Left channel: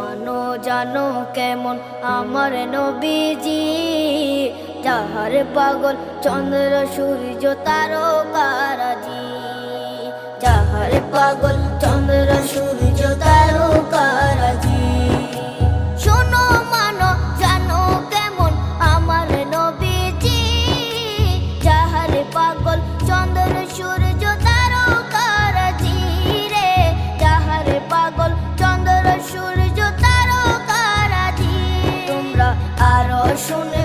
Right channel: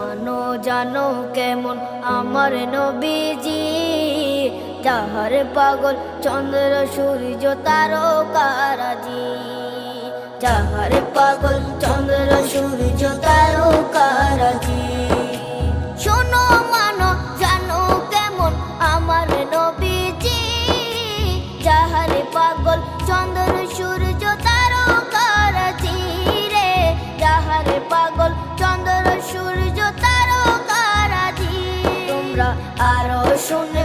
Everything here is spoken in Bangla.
মানো জানো কেমন আমার নবীজি, যাহার পাগল চন্দ্র সূর্য তারকারাজি, যাহার পাগল চন্দ্র সূর্য তারকারাজি। শোনো মানো জানো কেমন আমার নবীজি, যাহার পাগল চন্দ্র সূর্য তারকারাজি রে, যাহার পাগল চন্দ্র সূর্য তারকারাজি। তোমরা আরো শুনে